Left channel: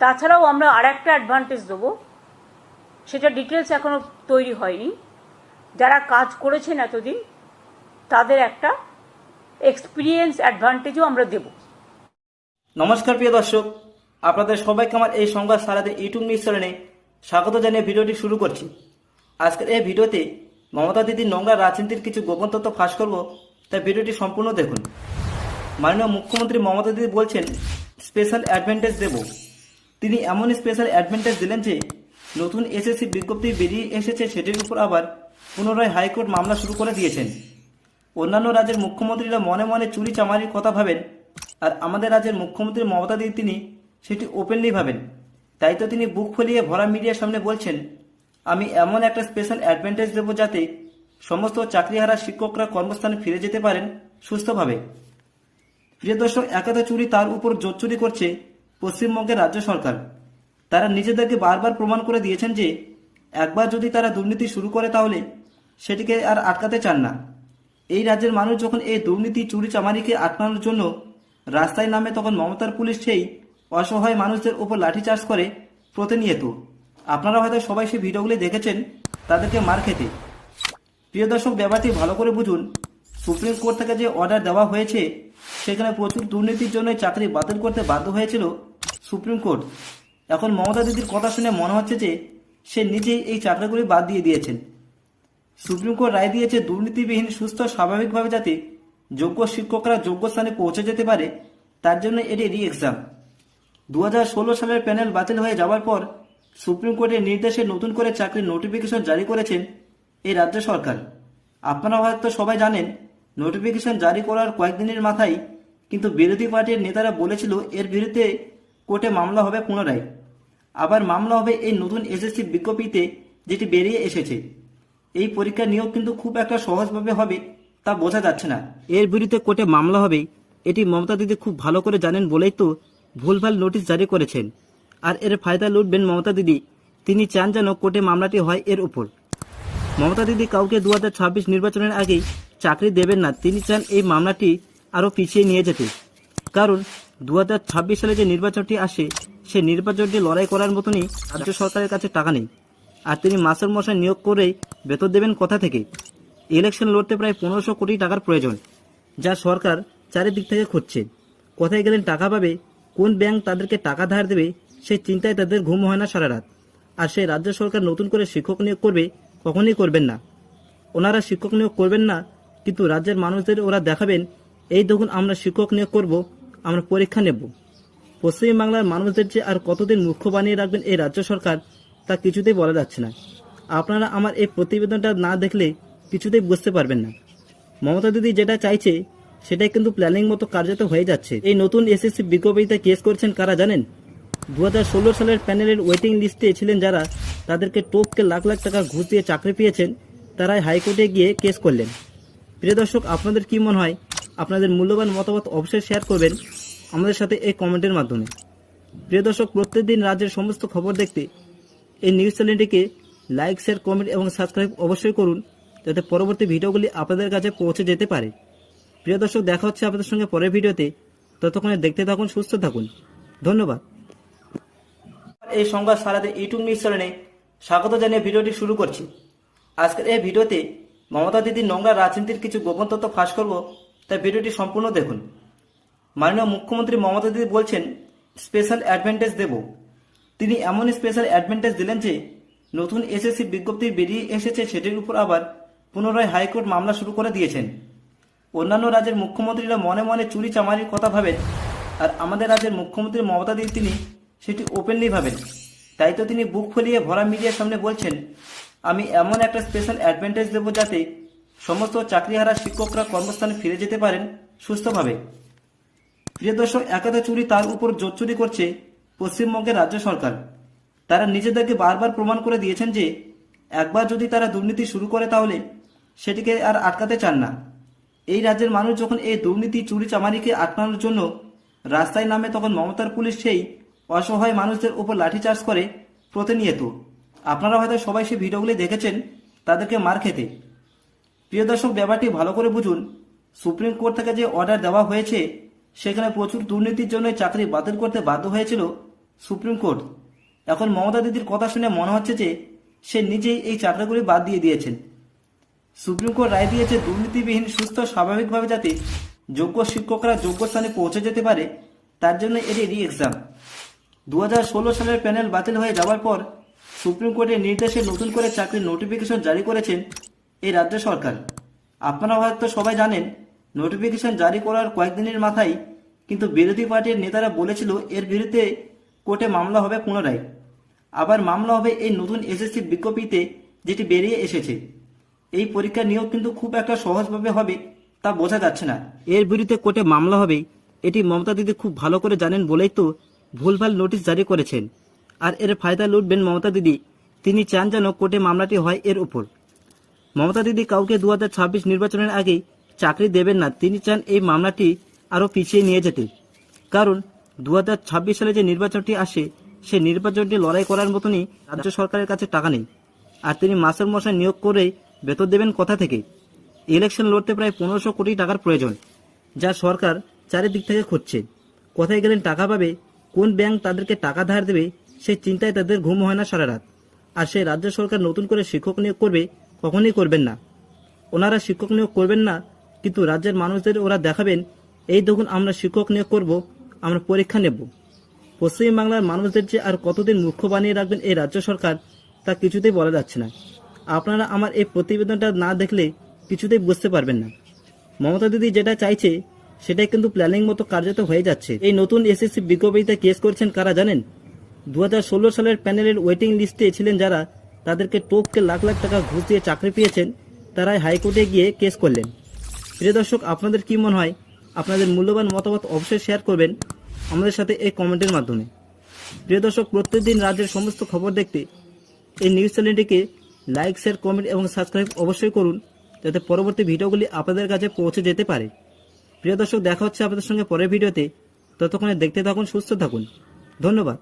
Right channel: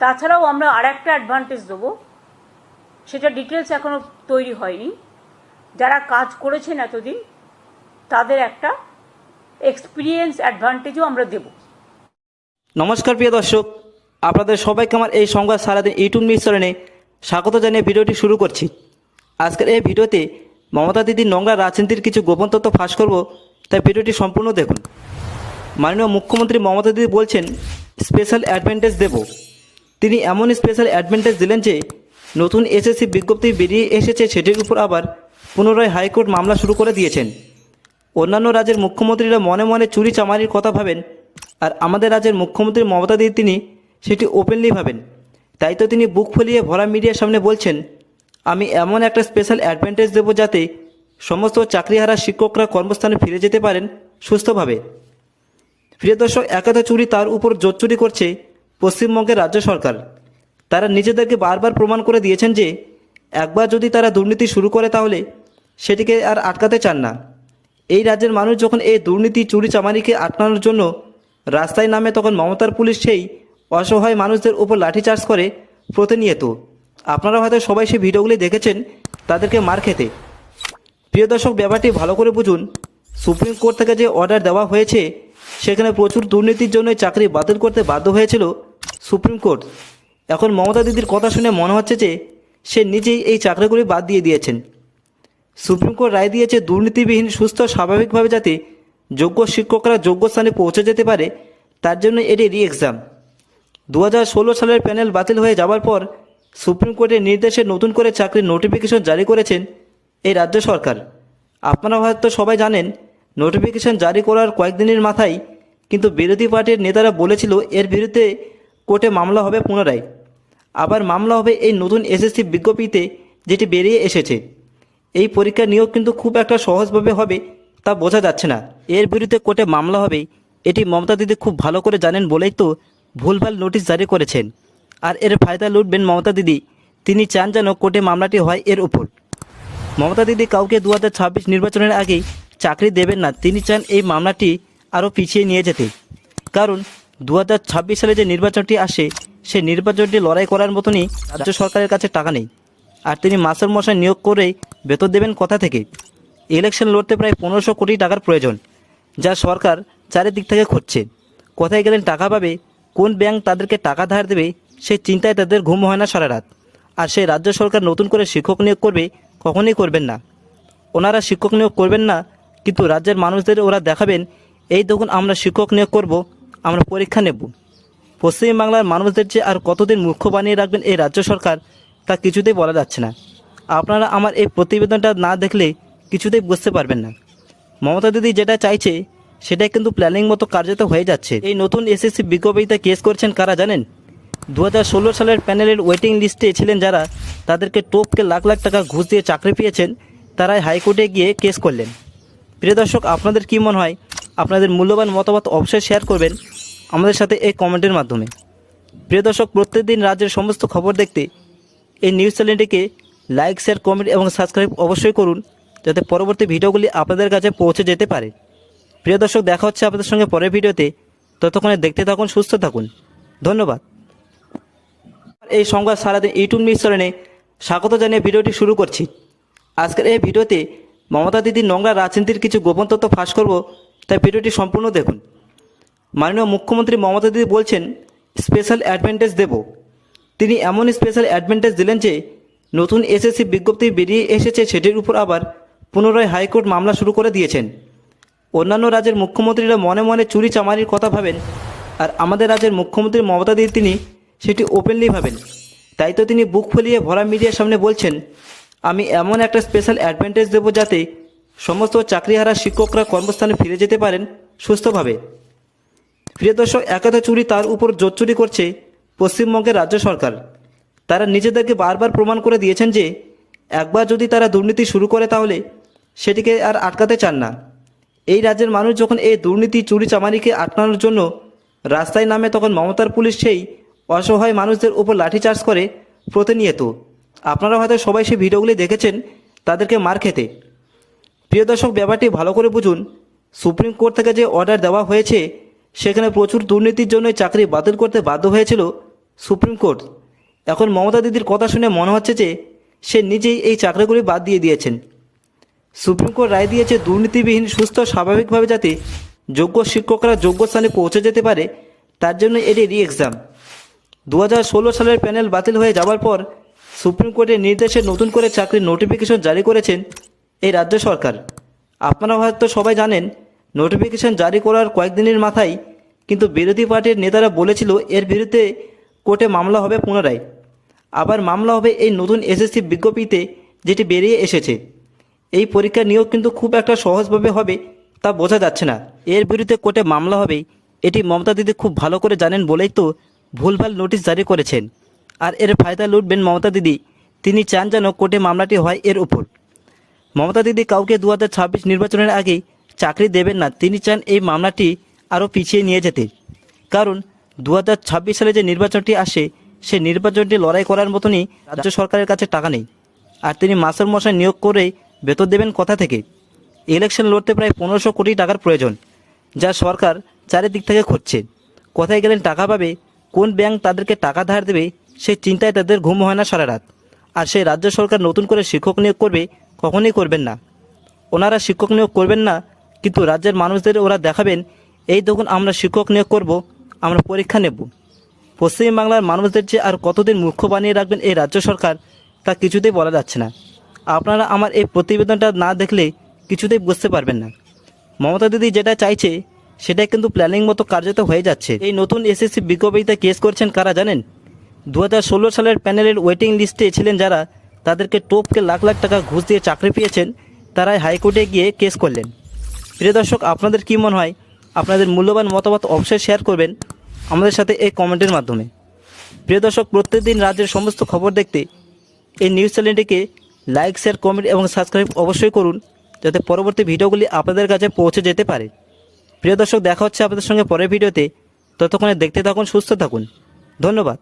তাছাড়াও আমরা আর একটা অ্যাডভান্টেজ দেবো। সেটা ডিটেলস এখনও তৈরি হয়নি। যারা কাজ করেছেন এতদিন, তাদের একটা এক্সপিরিয়েন্স অ্যাডভান্টেজও আমরা দেবো। নমস্কার প্রিয় দর্শক, আপনাদের সবাইকে আমার এই সংবাদ সারাদিন ইউটিউব মিশ্রণে স্বাগত জানিয়ে ভিডিওটি শুরু করছি। আজকের এই ভিডিওতে মমতা দিদির নোংরা রাজনীতির কিছু গোপন তথ্য ফাঁস করব, তাই ভিডিওটি সম্পূর্ণ দেখুন। মাননীয় মুখ্যমন্ত্রী মমতা দিদি বলছেন, স্পেশাল অ্যাডভান্টেজ দেব। তিনি এমন স্পেশাল অ্যাডভান্টেজ দিলেন যে, নতুন এসএসসি বিজ্ঞপ্তি বেরিয়ে এসেছে সেটির উপর আবার পুনরায় হাইকোর্ট মামলা শুরু করে দিয়েছেন। অন্যান্য রাজ্যের মুখ্যমন্ত্রীরা মনে মনে চুরি চামারির কথা ভাবেন, আর আমাদের রাজ্যের মুখ্যমন্ত্রী মমতা দিদি তিনি সেটি ওপেনলি ভাবেন। তাই তো তিনি বুক ফুলিয়ে ভরা মিডিয়ার সামনে বলছেন, আমি এমন একটা স্পেশাল অ্যাডভান্টেজ দেবো যাতে সমস্ত চাকরিহারা শিক্ষকরা কর্মস্থানে ফিরে যেতে পারেন সুস্থভাবে। প্রিয় দর্শক একাধ চুরি তার উপর জোর চুরি করছে পশ্চিমবঙ্গের রাজ্য সরকার। তারা নিজেদেরকে বারবার প্রমাণ করে দিয়েছেন যে, একবার যদি তারা দুর্নীতি শুরু করে তাহলে সেটিকে আর আটকাতে চান না। এই রাজ্যের মানুষ যখন এই দুর্নীতি, চুরি, চামারিকে আটকানোর জন্য রাস্তায় নামে, তখন মমতার পুলিশ সেই অসহায় মানুষদের উপর লাঠিচার্জ করে প্রতিনিয়ত। আপনারা হয়তো সবাই সেই ভিডিওগুলি দেখেছেন, তাদেরকে মার খেতে। প্রিয় দর্শক, ব্যাপারটি ভালো করে বুঝুন। সুপ্রিম কোর্ট থেকে যে অর্ডার দেওয়া হয়েছে, সেখানে প্রচুর দুর্নীতির জন্য চাকরি বাতিল করতে বাধ্য হয়েছিল সুপ্রিম কোর্ট। এখন মমতা দিদির কথা শুনে মনে হচ্ছে যে সে নিজেই এই চাকরিগুলি বাদ দিয়ে দিয়েছেন। সুপ্রিম কোর্ট রায় দিয়েছে দুর্নীতিবিহীন, সুস্থ, স্বাভাবিকভাবে যাতে যোগ্য শিক্ষকরা যোগ্য স্থানে পৌঁছে যেতে পারে, তার জন্য এটি রি এক্সাম দু সালের প্যানেল বাতিল হয়ে যাওয়ার পর সুপ্রিম কোর্টের নির্দেশে নতুন করে চাকরির নোটিফিকেশন জারি করেছেন এই রাজ্য সরকার। আপনারা হয়তো সবাই জানেন, নোটিফিকেশন জারি করার কয়েকদিনের মাথায় কিন্তু বিরোধী পার্টির নেতারা বলেছিল এর বিরুদ্ধে কোর্টে মামলা হবে পুনরায়। আবার মামলা হবে এই নতুন এসএসসি বিজ্ঞপ্তিতে যেটি বেরিয়ে এসেছে। এই পরীক্ষা নিয়োগ কিন্তু খুব একটা সহজভাবে হবে তা বোঝা যাচ্ছে না। এর বিরুদ্ধে কোর্টে মামলা হবে, এটি মমতা দিদি খুব ভালো করে জানেন বলেই তো ভুলভাল নোটিশ জারি করেছেন। আর এর ফায়দা লুটবেন মমতা দিদি, তিনি চান যেন কোর্টে মামলাটি হয় এর উপর। মমতা দিদি কাউকে দু হাজার ছাব্বিশ নির্বাচনের আগেই চাকরি দেবেন না, তিনি চান এই মামলাটি আরও পিছিয়ে নিয়ে যেতে। কারণ দু হাজার ছাব্বিশ সালে যে নির্বাচনটি আসে, সেই নির্বাচনটি লড়াই করার মতনই রাজ্য সরকারের কাছে টাকা নেই। আর তিনি মাস্টার মশাই নিয়োগ করে বেতন দেবেন কথা থেকে? ইলেকশন লড়তে প্রায় পনেরোশো কোটি টাকার প্রয়োজন, যা সরকার চারিদিক থেকে খুঁজছে। কোথায় গেলেন টাকা পাবে, কোন ব্যাংক তাদেরকে টাকা ধার দেবে, সেই চিন্তায় তাদের ঘুম হয় না সারা রাত। আর সেই রাজ্য সরকার নতুন করে শিক্ষক নিয়োগ করবে, কখনোই করবেন না। ওনারা শিক্ষক নিয়োগ করবেন না, কিন্তু রাজ্যের মানুষদের ওরা দেখাবেন, এই দেখুন, আমরা শিক্ষক নিয়োগ করব আমরা পরীক্ষা নেব। পশ্চিমবাংলার মানুষদের যে আর কতদিন মুখ্য বানিয়ে রাখবেন এই রাজ্য সরকার, তা কিছুতেই বলা যাচ্ছে না। আপনারা আমার এই প্রতিবেদনটা না দেখলে কিছুতেই বুঝতে পারবেন না। মমতা দিদি যেটা চাইছে, সেটাই কিন্তু প্ল্যানিং মতো কার্যত হয়ে যাচ্ছে। এই নতুন এসএসসি বিজ্ঞপ্তিতে কেস করছেন কারা জানেন? দু হাজার ষোলো সালের প্যানেলের ওয়েটিং লিস্টে ছিলেন যারা, তাদেরকে টোপকে লাখ লাখ টাকা ঘুষ দিয়ে চাকরি পেয়েছেন, তারাই হাইকোর্টে গিয়ে কেস করলেন। প্রিয় দর্শক, আপনাদের কী মনে হয়? আপনাদের মূল্যবান মতামত অবশ্যই শেয়ার করবেন। আমাদের সাথে এই কমেন্টের মাধ্যমে। প্রিয় দর্শক, প্রত্যেকদিন রাজ্যের সমস্ত খবর দেখতে এই নিউজ চ্যানেলটিকে লাইক শেয়ার কমেন্ট এবং সাবস্ক্রাইব অবশ্যই করুন, যাতে পরবর্তী ভিডিওগুলি আপনাদের কাছে পৌঁছে যেতে পারে। প্রিয় দর্শক, দেখা হচ্ছে আপনাদের সঙ্গে পরের ভিডিওতে। ততক্ষণে দেখতে থাকুন, সুস্থ থাকুন। ধন্যবাদ। এই সংবাদ সারাদিন ইউটিউব নিউজ চ্যানেলে স্বাগত জানিয়ে ভিডিওটি শুরু করছি। আজকের এই ভিডিওতে মমতা দিদির নোংরা রাজনীতির কিছু গোপন তথ্য ফাঁস করব, তাই ভিডিওটি সম্পূর্ণ দেখুন। মাননীয় মুখ্যমন্ত্রী মমতা দিদি বলছেন, স্পেশাল অ্যাডভান্টেজ দেব। তিনি এমন স্পেশাল অ্যাডভান্টেজ দিলেন যে, নতুন এসএসসি বিজ্ঞপ্তি বেরিয়ে এসেছে সেটির উপর আবার পুনরায় হাইকোর্ট মামলা শুরু করে দিয়েছেন। অন্যান্য রাজ্যের মুখ্যমন্ত্রীরা মনে মনে চুরি চামারির কথা ভাবেন, আর আমাদের রাজ্যের মুখ্যমন্ত্রী মমতা দিদি তিনি সেটি ওপেনলি ভাবেন। তাই তো তিনি বুক ফুলিয়ে ভরা মিডিয়ার সামনে বলছেন, আমি এমন একটা স্পেশাল অ্যাডভান্টেজ দেবো যাতে সমস্ত চাকরিহারা শিক্ষকরা কর্মস্থানে ফিরে যেতে পারেন সুস্থভাবে। প্রিয় দর্শক একাধ চুরি তার উপর জোর চুরি করছে পশ্চিমবঙ্গের রাজ্য সরকার। তারা নিজেদেরকে বারবার প্রমাণ করে দিয়েছেন যে, একবার যদি তারা দুর্নীতি শুরু করে তাহলে সেটিকে আর আটকাতে চান না। এই রাজ্যের মানুষ যখন এই দুর্নীতি, চুরি, চামারিকে আটকানোর জন্য রাস্তায় নামে, তখন মমতার পুলিশ সেই অসহায় মানুষদের উপর লাঠিচার্জ করে প্রতিনিয়ত। আপনারা হয়তো সবাই সেই ভিডিওগুলি দেখেছেন, তাদেরকে মার খেতে। প্রিয় দর্শক, ব্যাপারটি ভালো করে বুঝুন। সুপ্রিম কোর্ট থেকে যে অর্ডার দেওয়া হয়েছে সেখানে প্রচুর দুর্নীতির জন্য চাকরি বাতিল করতে বাধ্য হয়েছিল সুপ্রিম কোর্ট। এখন মমতা দিদির কথা শুনে মনে হচ্ছে যে সে নিজেই এই চাকরিগুলি বাদ দিয়ে দিয়েছেন। সুপ্রিম কোর্ট রায় দিয়েছে দুর্নীতিবিহীন, সুস্থ, স্বাভাবিকভাবে যাতে যোগ্য শিক্ষকরা যোগ্য স্থানে পৌঁছে যেতে পারে, তার জন্য এটি রি এক্সাম দু সালের প্যানেল বাতিল হয়ে যাওয়ার পর সুপ্রিম কোর্টের নির্দেশে নতুন করে চাকরির নোটিফিকেশন জারি করেছেন এই রাজ্য সরকার। আপনারা হয়তো সবাই জানেন নোটিফিকেশন জারি করার কয়েকদিনের মাথায় কিন্তু বিরোধী পার্টির নেতারা বলেছিল এর বিরুদ্ধে কোর্টে মামলা হবে পুনরায়। আবার মামলা হবে এই নতুন এসএসসি বিজ্ঞপ্তিতে যেটি বেরিয়ে এসেছে। এই পরীক্ষা নিয়োগ কিন্তু খুব একটা সহজভাবে হবে তা বোঝা যাচ্ছে না। এর বিরুদ্ধে কোর্টে মামলা হবে, এটি মমতা দিদি খুব ভালো করে জানেন বলেই তো ভুলভাল নোটিশ জারি করেছেন। আর এর ফায়দা লুটবেন মমতা দিদি, তিনি চান যেন কোর্টে মামলাটি হয় এর উপর। মমতা দিদি কাউকে দু হাজার ছাব্বিশ নির্বাচনের আগে চাকরি দেবেন না, তিনি চান এই মামলাটি আরও পিছিয়ে নিয়ে যেতে। কারণ দু হাজার ছাব্বিশ সালে যে নির্বাচনটি আসে, সেই নির্বাচনটি লড়াই করার মতনই রাজ্য সরকারের কাছে টাকা নেই। আর তিনি মাস্টার মশাই নিয়োগ করে বেতন দেবেন কথা থেকে? ইলেকশন লড়তে প্রায় পনেরোশো কোটি টাকার প্রয়োজন, যা সরকার চারিদিক থেকে খুঁজছে। কোথায় গেলেন, টাকা পাবে, কোন ব্যাংক তাদেরকে টাকা ধার দেবে, সেই চিন্তায় তাদের ঘুম হয় না সারা রাত। আর সেই রাজ্য সরকার নতুন করে শিক্ষক নিয়োগ করবে, কখনোই করবেন না। ওনারা শিক্ষক নিয়োগ করবেন না কিন্তু রাজ্যের মানুষদের ওরা দেখাবেন, এই দেখুন আমরা শিক্ষক নিয়োগ করব, আমরা পরীক্ষা নেব। পশ্চিমবাংলার মানুষদের যে আর কতদিন মূর্খ বানিয়ে রাখবেন এই রাজ্য সরকার, তা কিছুতেই বলা যাচ্ছে না। আপনারা আমার এই প্রতিবেদনটা না দেখলে কিছুতেই বুঝতে পারবেন না। মমতা দিদি যেটা চাইছে সেটা কিন্তু প্ল্যানিং মতো কার্যত হয়ে যাচ্ছে। এই নতুন এসএসসি বিজ্ঞপ্তিতে কেস করছেন কারা জানেন? দু হাজার ষোলো সালের প্যানেলের ওয়েটিং লিস্টে ছিলেন যারা, তাদেরকে টোপকে লাখ লাখ টাকা ঘুষ দিয়ে চাকরি পেয়েছেন, তারাই হাইকোর্টে গিয়ে কেস করলেন। প্রিয় দর্শক, আপনাদের কী মনে হয়? আপনাদের মূল্যবান মতামত অবশ্যই শেয়ার করবেন আমাদের সাথে এই কমেন্টের মাধ্যমে। প্রিয় দর্শক, প্রত্যেকদিন রাজ্যের সমস্ত খবর দেখতে এই নিউজ চ্যানেলটিকে লাইক শেয়ার কমেন্ট এবং সাবস্ক্রাইব অবশ্যই করুন, যাতে পরবর্তী ভিডিওগুলি আপনাদের কাছে পৌঁছে যেতে পারে। প্রিয় দর্শক, দেখা হচ্ছে আপনাদের সঙ্গে পরের ভিডিওতে। ততক্ষণে দেখতে থাকুন, সুস্থ থাকুন। ধন্যবাদ।